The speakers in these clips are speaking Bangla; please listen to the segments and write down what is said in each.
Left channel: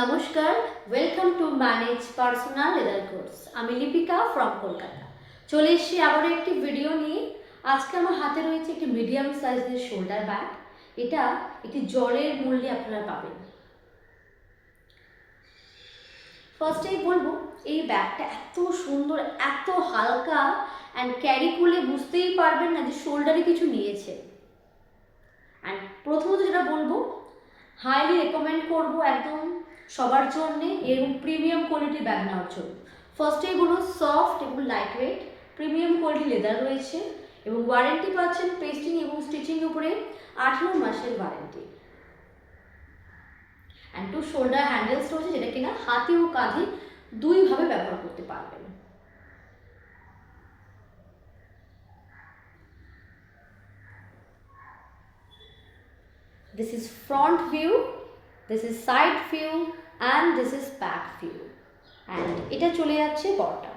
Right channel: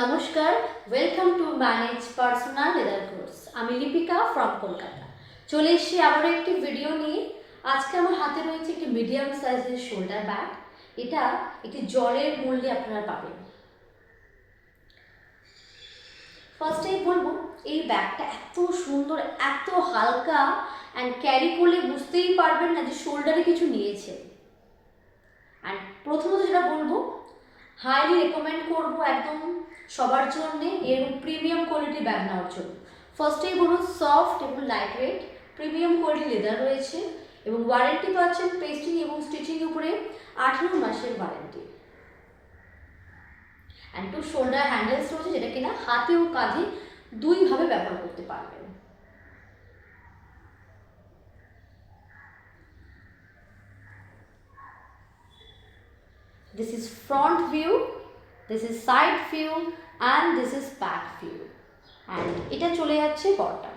নমস্কার, welcome to manage personal leather course. আমি লিপিকা ফ্রম কলকাতা। চলে এসেছি আবারও একটি ভিডিও নিয়ে। আজকে আমার হাতে রয়েছে একটি মিডিয়াম সাইজের শোল্ডার ব্যাগ। এটা একটি জলের মূল্যে আপনারা পাবেন। ফার্স্টেই বলবো, এই ব্যাগটা এত সুন্দর, এত হালকা, অ্যান্ড ক্যারি করলে বুঝতেই পারবেন না যে শোল্ডারে কিছু নিয়েছে। অ্যান্ড প্রথমত যেটা বলবো, হাইলি রেকমেন্ড করবো একদম সবার জন্যে এবং প্রিমিয়াম কোয়ালিটি ব্যাগ নেওয়ার জন্য। ফার্স্টে বলুন, সফট এবং light weight premium quality leather রয়েছে এবং ওয়ারেন্টি পাচ্ছেন পেস্টিং এবং স্টিচিং উপরে 18 মাসের warranty. And two shoulder handles রয়েছে, যেটা কিনা হাতে ও কাঁধে দুইভাবে ব্যবহার করতে পারবেন। This is front view, this is side view and this is back view. And এটা চলে যাচ্ছে bottom.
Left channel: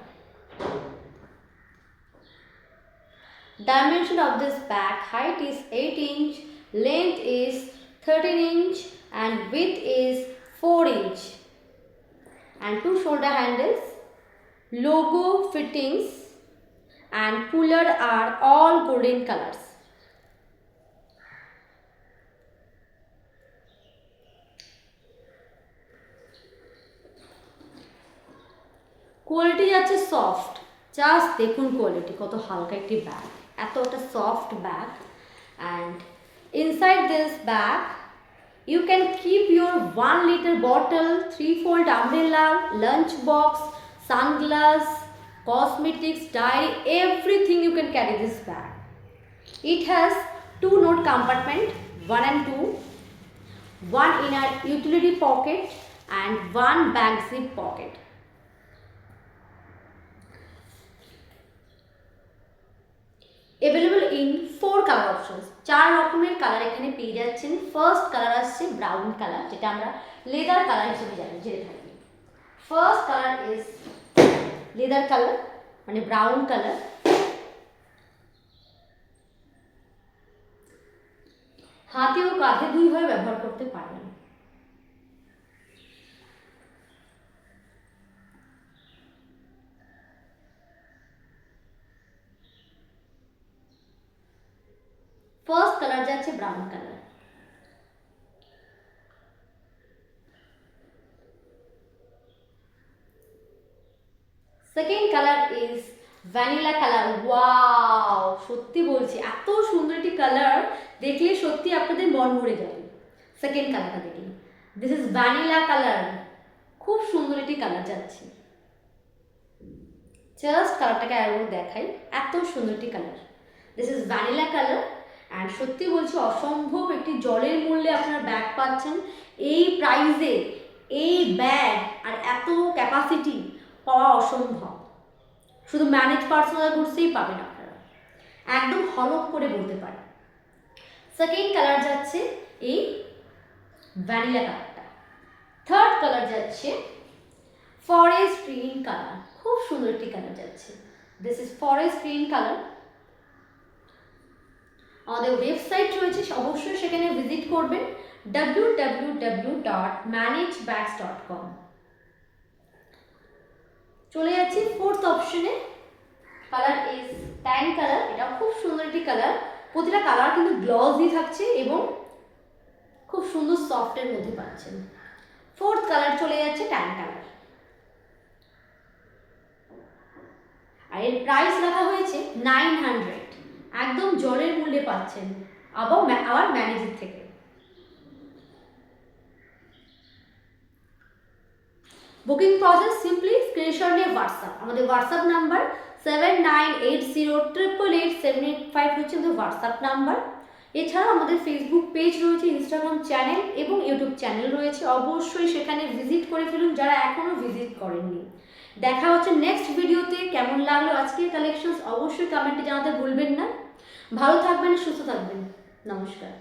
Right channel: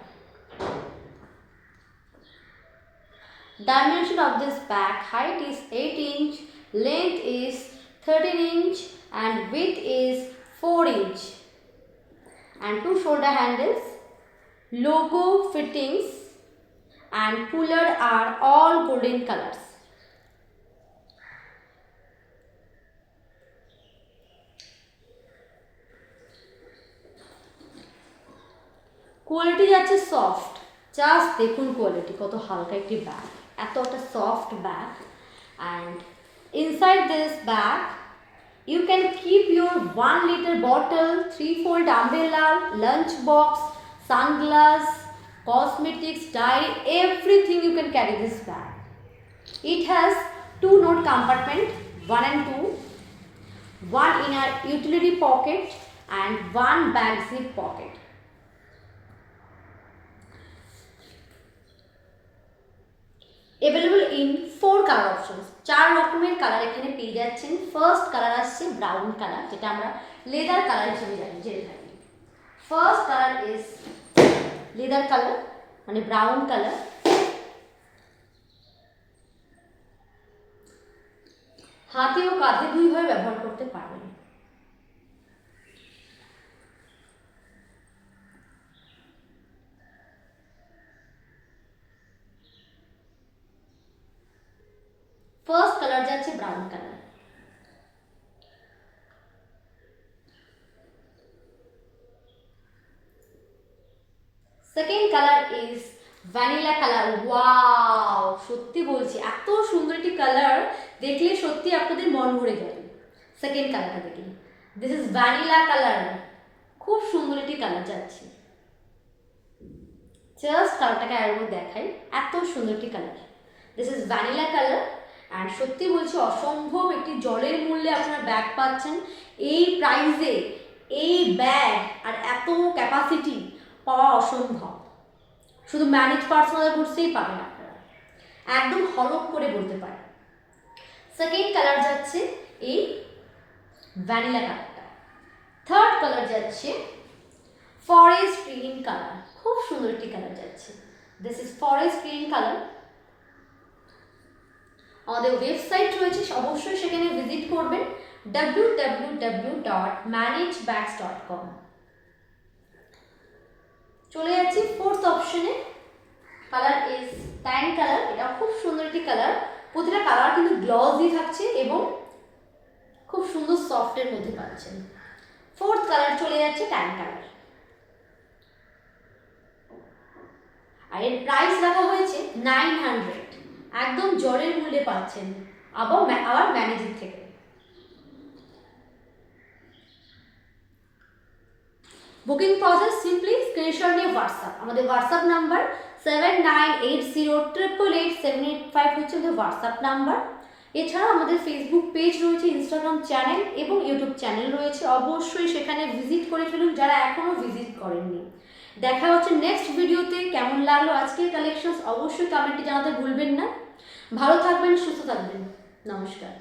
Dimension of this bag: height is 8 inch, length is 13 inch and width is 4 inch. And two shoulder handles, logo fittings and puller are all golden colors. Quality যাচ্ছে সফট, জাস্ট দেখুন কোয়ালিটি কত হালকা একটি ব্যাগ, এত একটা soft bag. And inside this bag you can keep your 1 liter bottle, 3-fold umbrella, lunch box, sunglass, cosmetics, diary, everything you can carry this bag. It has 2 note compartment, 1 and 2, 1 inner utility pocket and 1 bag zip pocket. Available in 4 colour options, 4 রকমের কালার এখানে পেয়ে যাচ্ছেন। ফার্স্ট কালার আসছে ব্রাউন কালার, যেটা আমরা লেদার কালার হিসেবে জানি, জেনে থাকি। First colour is leather colour, মানে ব্রাউন কালার। হাতে ও কাঁধে দুইভাবে ব্যবহার করতে পারবেন। ফার্স্ট কালার যাচ্ছে brown colour. Second colour is vanilla colour. Wow, সত্যি বলছি এত সুন্দর একটি কালার, দেখলে সত্যি আপনাদের মন ভরে যাবে। সেকেন্ড কালারটা দেখুন, দিস ইজ ভ্যানিলা কালার। খুব সুন্দর একটি কালার যাচ্ছে। জাস্ট কালারটাকে আরেকবার দেখাই, এত সুন্দর একটি colour. This is vanilla colour. And সত্যি বলছি, অসম্ভব একটি জলের মূল্যে আপনারা ব্যাগ পাচ্ছেন। এই প্রাইসে এই ব্যাগ আর এত ক্যাপাসিটি পাওয়া অসম্ভব। শুধু ম্যানেজ পার্সোনাল কোর্সেই পাবেন আপনারা, একদম হলক করে বলতে পারেন। সেকেন্ড কালার যাচ্ছে এই ভ্যানিলা কালারটা। থার্ড কালার যাচ্ছে ফরেস্ট গ্রিন কালার। খুব সুন্দর একটি কালার যাচ্ছে। This is forest green colour. আমাদের ওয়েবসাইট রয়েছে, অবশ্যই সেখানে ভিজিট করবেন, www.managebags.com। চলে যাচ্ছি ফোর্থ অপশনে। Colour is tan colour. এটা খুব সুন্দর একটি কালার। প্রতিটা কালার কিন্তু গ্লসি থাকছে এবং খুব সুন্দর সফটের মধ্যে পাচ্ছেন। ফোর্থ কালার চলে যাচ্ছে ট্যান কালার। আর এর প্রাইস রাখা হয়েছে 900। একদম জলের মূল্যে পাচ্ছেন, আবার ম্যানেজের থেকে। বুকিং প্রসেস সিম্পলি স্ক্রিনশট নিয়ে হোয়াটসঅ্যাপ, আমাদের হোয়াটসঅ্যাপ নাম্বার 7980888785 হচ্ছে আমাদের হোয়াটসঅ্যাপ নাম্বার। এছাড়া আমাদের ফেসবুক পেজ রয়েছে, ইনস্টাগ্রাম চ্যানেল এবং ইউটিউব চ্যানেল রয়েছে। অবশ্যই সেখানে ভিজিট করে ফেলুন যারা এখনও ভিজিট করেননি। দেখা হচ্ছে নেক্সট ভিডিওতে। কেমন লাগলো আজকের কালেকশনস অবশ্যই কমেন্টে জানাতে ভুলবেন না। ভালো থাকবেন, সুস্থ থাকবেন। নমস্কার।